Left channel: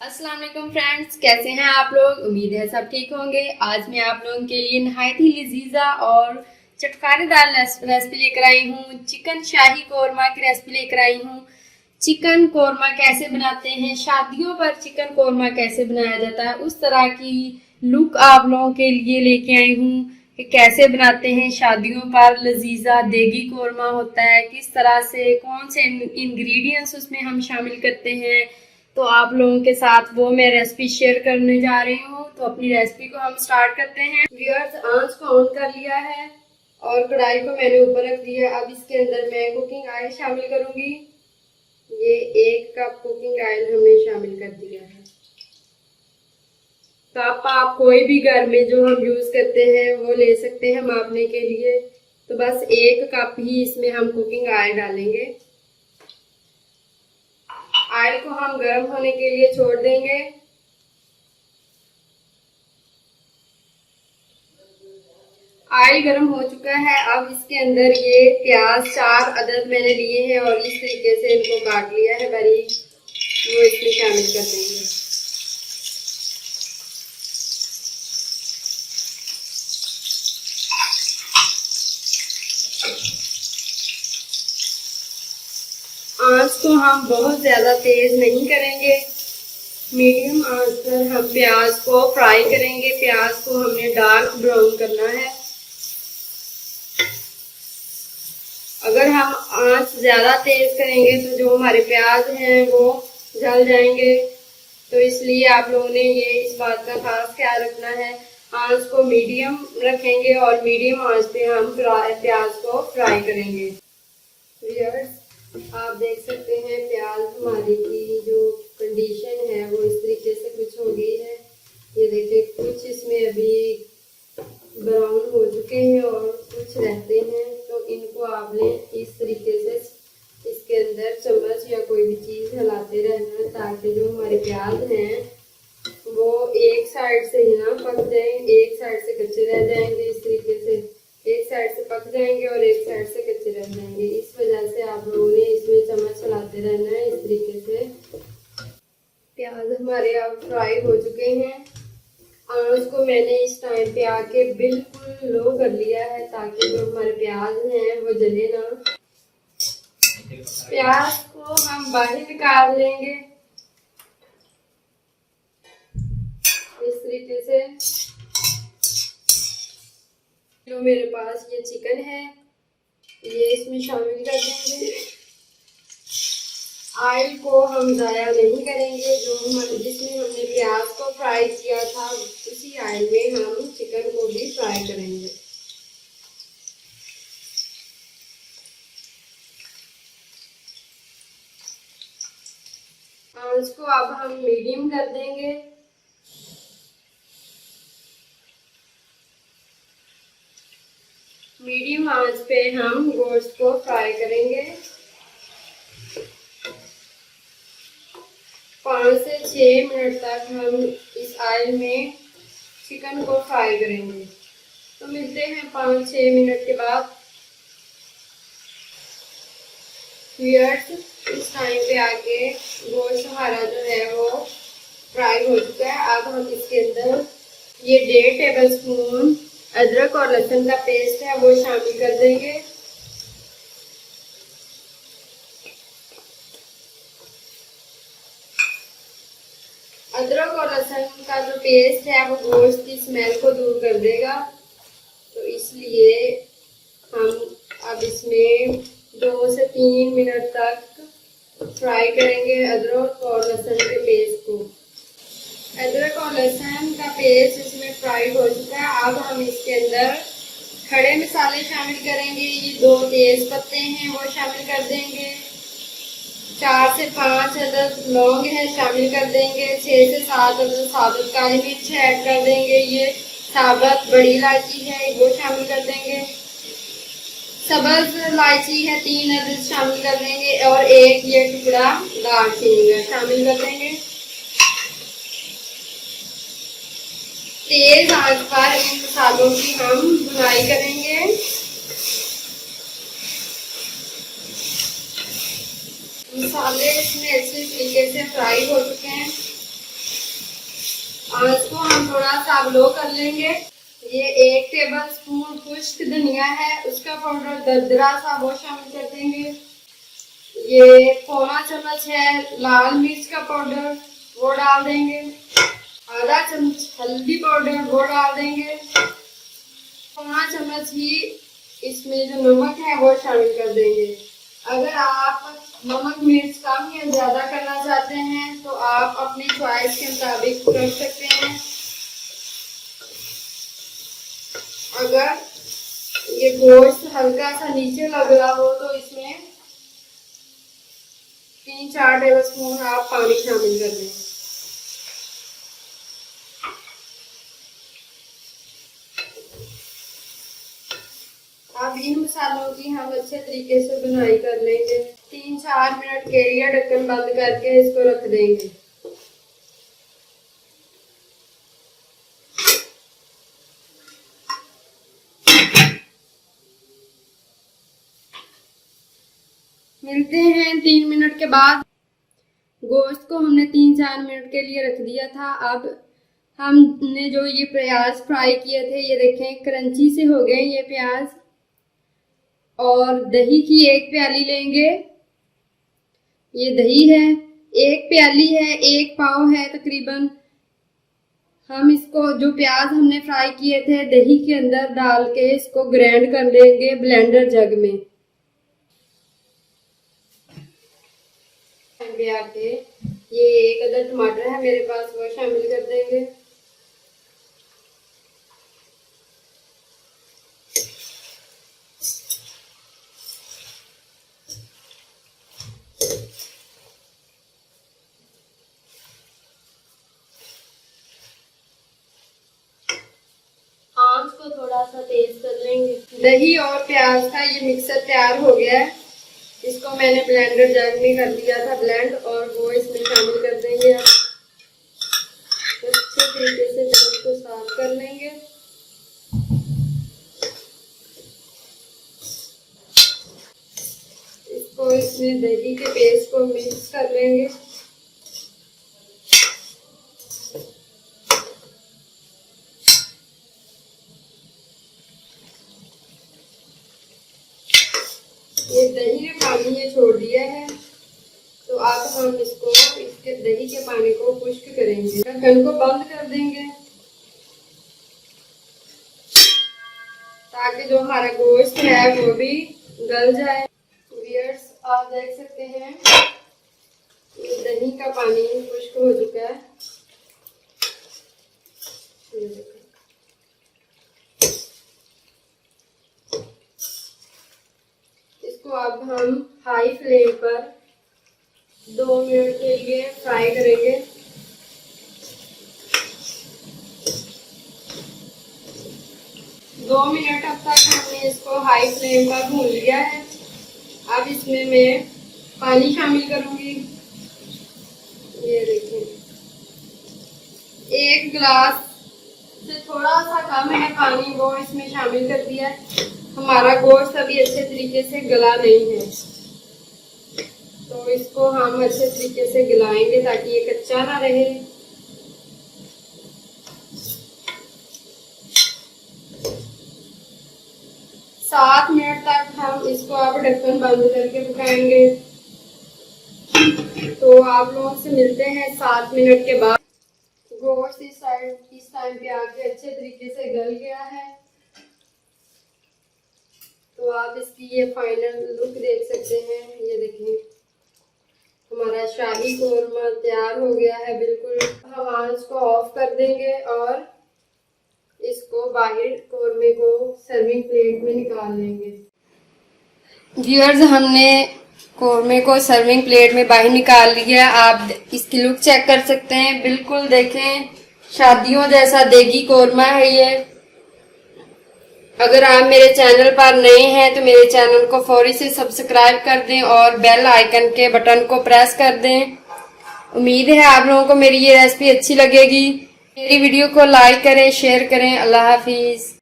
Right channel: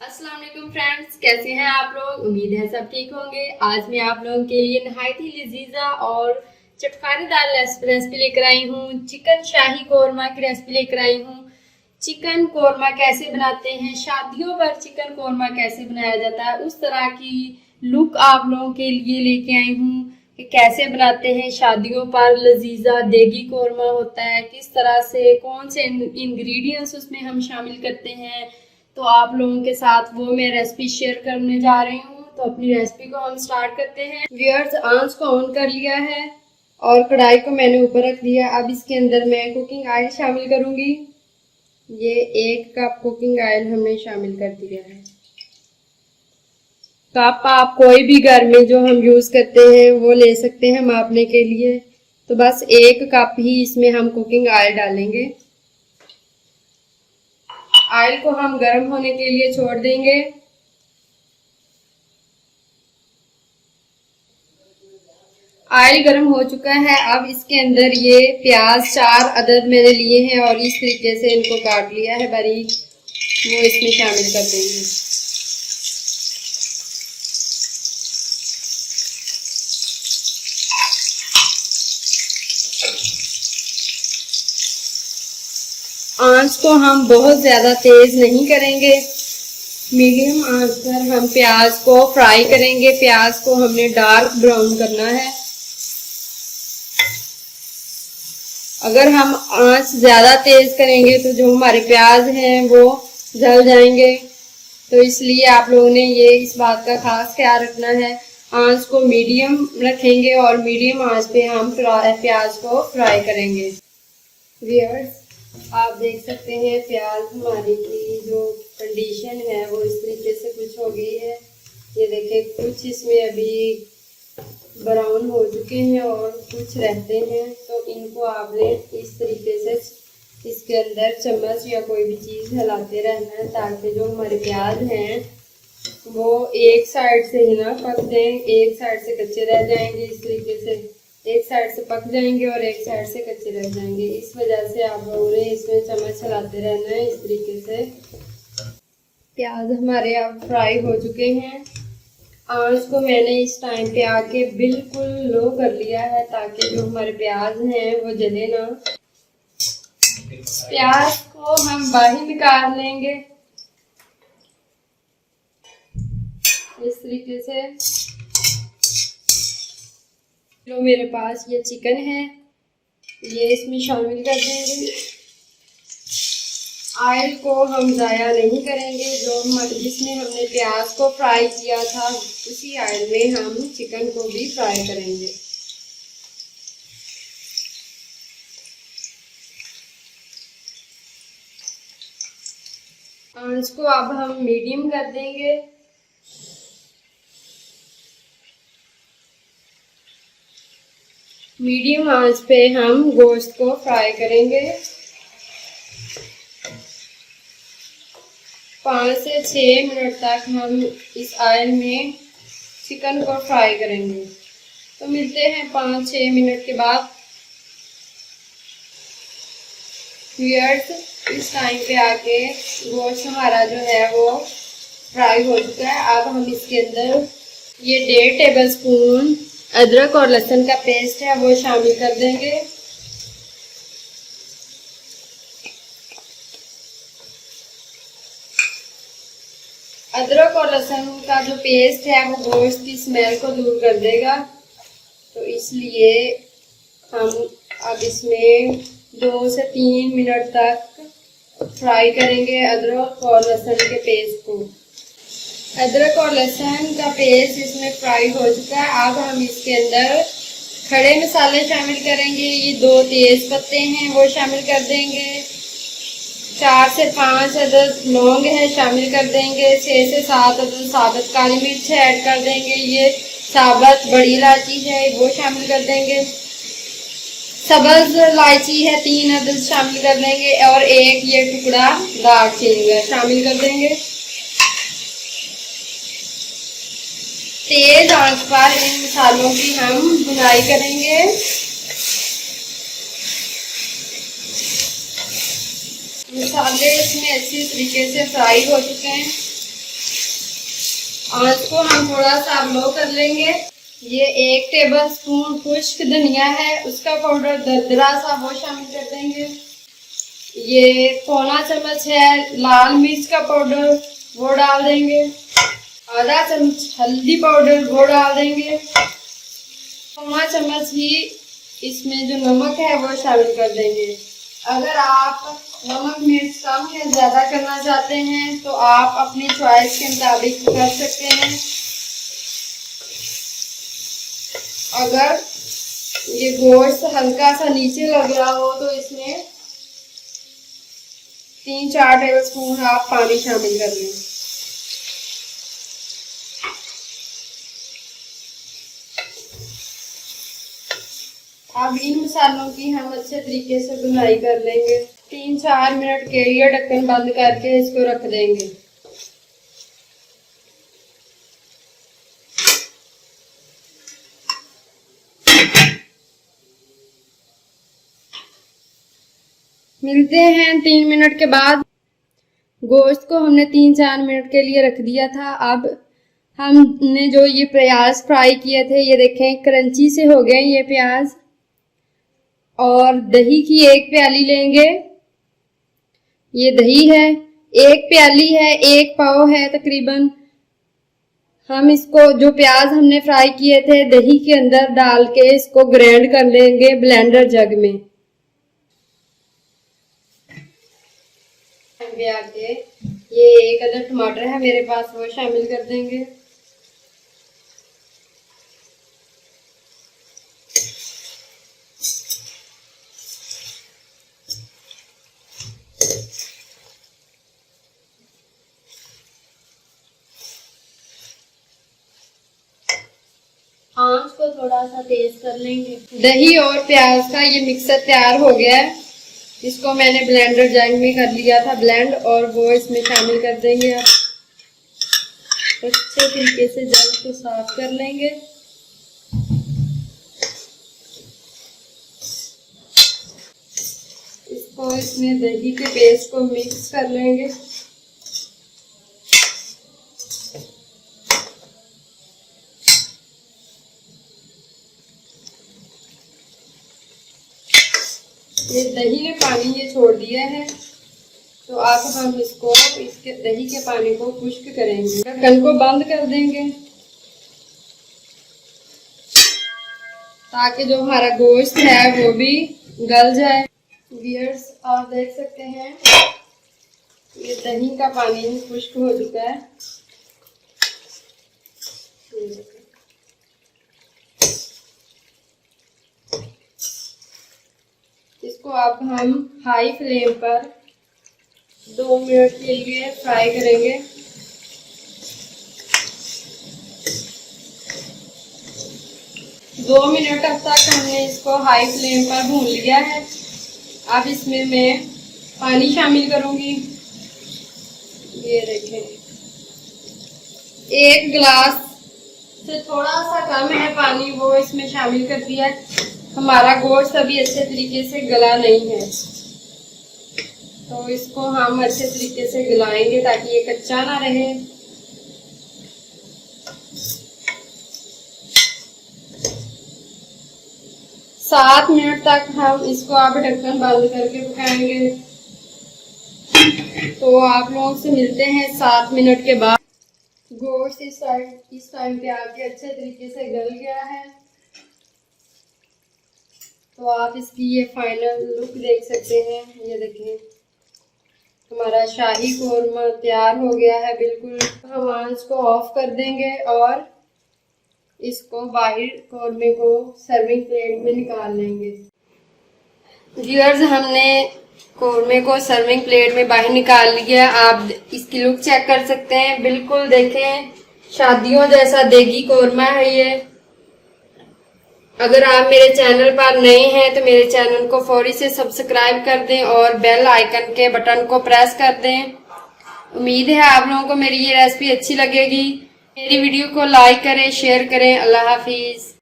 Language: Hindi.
अस्सलाम वालेकुम फ्रेंड्स, कैसे हैं आप लोग। उम्मीद है सब ठीक होंगे। आज मैं आप लोगों के लिए नहायत ही लजीजा और चटखारेदार रेसिपी लेकर आई हूँ। चिकन शाही कौरमा की रेसिपी लेकर आई हूँ। चिकन कौरमा कैसे बनाते हैं, शादियों पर चिकन कौरमा कैसे बनाया जाता है, उस तरह की लुक आप लोगों के लिए लेके आई हूँ कि कैसे बनाते हैं शादियों पर लजीजा देगी कौरमा होता है, किस तरह से कौन से इंग्रेडिएंट्स उसमें हम शामिल करते हैं। तो आप लोगों के साथ वो मैं रेसिपी शेयर करने जा रही हूँ। तो अपनी रेसिपी को हम स्टार्ट करते हैं। व्यूअर्स, आंच को ऑन कर लिया है और कढ़ाई को मैंने ऊपर रख दिया। अब इसके अंदर मैं कुकिंग ऑयल शामिल करूंगी। ये 1 कप कुकिंग ऑयल हमने शामिल कर दिया है। कप आप कोई भी घर में जो हम यूज करते हैं वो ले सकते हैं मापने के लिए। तो बस 1 कप ही इसमें हम कुकिंग ऑयल डालेंगे। ऑयल को हम गर्म होने के लिए छोड़ देंगे। ऑयल गर्म हो चुका है। अब इसके अंदर ये प्याज 4 अदद मैंने लिए हैं और इस तरीके से इनको काट लिया है बारीक, वो इसमें शामिल कर देंगे। आंच को हम बहुत ज्यादा तेज नहीं करेंगे, मीडियम आंच पर हम प्याज को फ्राई करेंगे। प्याज को हमने डार्क ब्राउन करना है। अगर हम आंच ज्यादा तेज करेंगे तो जो हमारे प्याज हैं वो जल जाएंगे। तो इसलिए आप लोगों ने ये इस बात का खास ख्याल रखना है। आंच को मीडियम रखेंगे और मीडियम आंच पे हम प्याज को फ्राई करेंगे। व्यूअर्स, आप देख सकते हैं प्याज हमारी की जो कंडीशन है वो इस तरीके से कुछ हो गई है। ये देखें, कुछ इसमें अभी ब्राउन हो चुके हैं और कुछ रहते हैं। तो इनको आपने इस तरीके से इसके अंदर चम्मच या कोई भी चीज़ हिलाते रहना है ताकि जो हमारे प्याज हैं वो एक साइड से ही ना पक जाए, एक साइड से कच्चे रह जाएंगे। इस तरीके से एक साइड से पक जाएंगे और एक साइड से कच्चे रह जाएंगे। इस वजह से आप लोगों ने इसमें चम्मच चलाते रहना है इस तरीके से। प्याज हमारे अब फ्राई हो चुके हैं। आंच को मैंने इस टाइम पे आके बिल्कुल लो कर लिया है ताकि जो हमारे प्याज हैं वो जले ना। प्याज को हम बाहर निकाल लेंगे इस तरीके से। जो मेरे पास ये चिकन है ये इसमें शामिल कर देंगे। ऑयल को हम ज़ाया नहीं करेंगे। जिसमें हमने प्याज को फ्राई किया था उसी ऑयल में हम चिकन को भी फ्राई करेंगे। आंच को अब हम मीडियम कर देंगे। मीडियम आंच पे हम गोश्त को फ्राई करेंगे। 5 से 6 मिनट तक हम इस ऑयल में चिकन को फ्राई करेंगे। तो मिलते हैं 5-6 मिनट के बाद। व्यूअर्स, इस टाइम पे आके गोश्त हमारा जो है वो फ्राई हो चुका है। अब हम इसके अंदर ये 1.5 टेबल स्पून अदरक और लहसुन का पेस्ट है वो शामिल कर देंगे। अदरक और लहसुन का जो पेस्ट है वो गोश्त की स्मेल को दूर कर देगा। तो इसलिए हम अब इसमें 2 से 3 मिनट तक फ्राई करेंगे अदरक और लहसुन के पेस्ट को। अदरक और लहसुन का पेस्ट इसमें फ्राई हो चुका है। अब हम इसके अंदर खड़े मसाले शामिल करेंगे। ये 2 तेज पत्ते हैं वो शामिल कर देंगे। 4 से 5 अदद लौंग है शामिल कर देंगे। 6 से 7 अदद साबुत काली मिर्च है ऐड कर देंगे। ये साबुत बड़ी इलायची है वो शामिल कर देंगे। सब्ज इलायची है 3 अदद शामिल कर देंगे और 1 ये टुकड़ा दालचीनी का शामिल कर देंगे। तेज आंच पर इन मसालों की हम भुनाई करेंगे। मसाले इसमें अच्छी तरीके से फ्राई हो चुके हैं। आंच को हम थोड़ा सा लो कर लेंगे। ये 1 टेबल स्पून खुश्क धनिया है, उसका पाउडर दरदरा सा वो शामिल कर देंगे। ये पौना चम्मच है लाल मिर्च का पाउडर, वो डाल देंगे। आधा चम्मच हल्दी पाउडर, वो डाल देंगे। पौना चम्मच ही इसमें जो नमक है वो शामिल कर देंगे। अगर आप नमक मिर्च कम या ज़्यादा करना चाहते हैं तो आप अपनी चॉइस के मुताबिक कर सकते हैं। अगर ये गोश्त हल्का सा नीचे लग रहा हो तो इसमें 3-4 टेबल स्पून आप पानी शामिल कर लें। अब इन मसालों की हम अच्छे तरीके से भुनाई कर लेंगे। 3-4 मिनट के लिए ढक्कन बंद करके इसको रख देंगे। मिलते हैं 3 मिनट के बाद। गोश्त को हमने 3-4 मिनट के लिए रख दिया था। अब हमने जो ये प्याज फ्राई किए थे, ये देखें क्रंची से हो गए ये प्याज। और दही की 1 प्याली लेंगे। ये दही है, 1 प्याली है, 1 पाव है तकरीबन। हम इसको जो प्याज हमने फ्राई किए थे दही के अंदर डाल के इसको ग्राइंड कर लेंगे ब्लेंडर जग में। आके ये 1 अदद टमाटर है मेरे पास, वो शामिल कर देंगे। आंच को थोड़ा सा तेज कर लेंगे। दही और प्याज का ये मिक्सर तैयार हो गया है। इसको मैंने ब्लेंडर जग में कर लिया था ब्लेंड, और वो इसमें शामिल कर देंगे। अब अच्छे तरीके से जग को साफ कर लेंगे। इसको इसमें दही के पेस्ट को मिक्स कर लेंगे। ये दही ने पानी ये छोड़ दिया है, तो अब हम इसको इसके दही के पानी को खुश्क करेंगे। ढक्कन को बंद कर देंगे ताकि जो हमारा गोश्त है वो भी गल जाए। व्यूअर्स, आप देख सकते हैं ये दही का पानी खुश्क हो चुका है। इसको अब हम हाई फ्लेम पर 2 मिनट के लिए फ्राई करेंगे। दो मिनट अब तक हमने इसको हाई फ्लेम पर भून लिया है। अब इसमें मैं पानी शामिल करूंगी। ये देखें 1 गिलास से थोड़ा सा कम है पानी, वो इसमें शामिल कर दिया है। हमारा गोश्त अभी अच्छे तरीके से गला नहीं है, तो इसको हम अच्छे तरीके से गलाएंगे ताकि ये कच्चा ना रहे। सात मिनट तक हम इसको अब ढक्कन बंद करके पकाएंगे। तो आप लोगों से मिलते हैं 7 मिनट के बाद। गोश्त इस टाइम पे आके अच्छे तरीके से गल गया है, तो आप इसकी ये फाइनल लुक देख सकते हैं। ये देखिए हमारा शाही कोरमा तैयार हो गया है बिल्कुल। हम आंच को ऑफ कर देंगे और इसको बाहर कोरमे को सर्विंग प्लेट में निकाल लेंगे। व्यूअर्स, हमने कोरमे को सर्विंग प्लेट में बाहर निकाल लिया। आप इसकी लुक चेक कर सकते हैं, बिल्कुल देखें शादियों जैसा देगी कोरमा है ये। अगर आप मेरे चैनल पर नए हैं तो मेरे चैनल को फौरी से सब्सक्राइब कर दें और बेल आइकन के बटन को प्रेस कर दें। उम्मीद है आप लोगों को मेरी ये रेसिपी अच्छी लगेगी। मेरी वीडियो को लाइक करें, शेयर करें। अल्लाह हाफिज।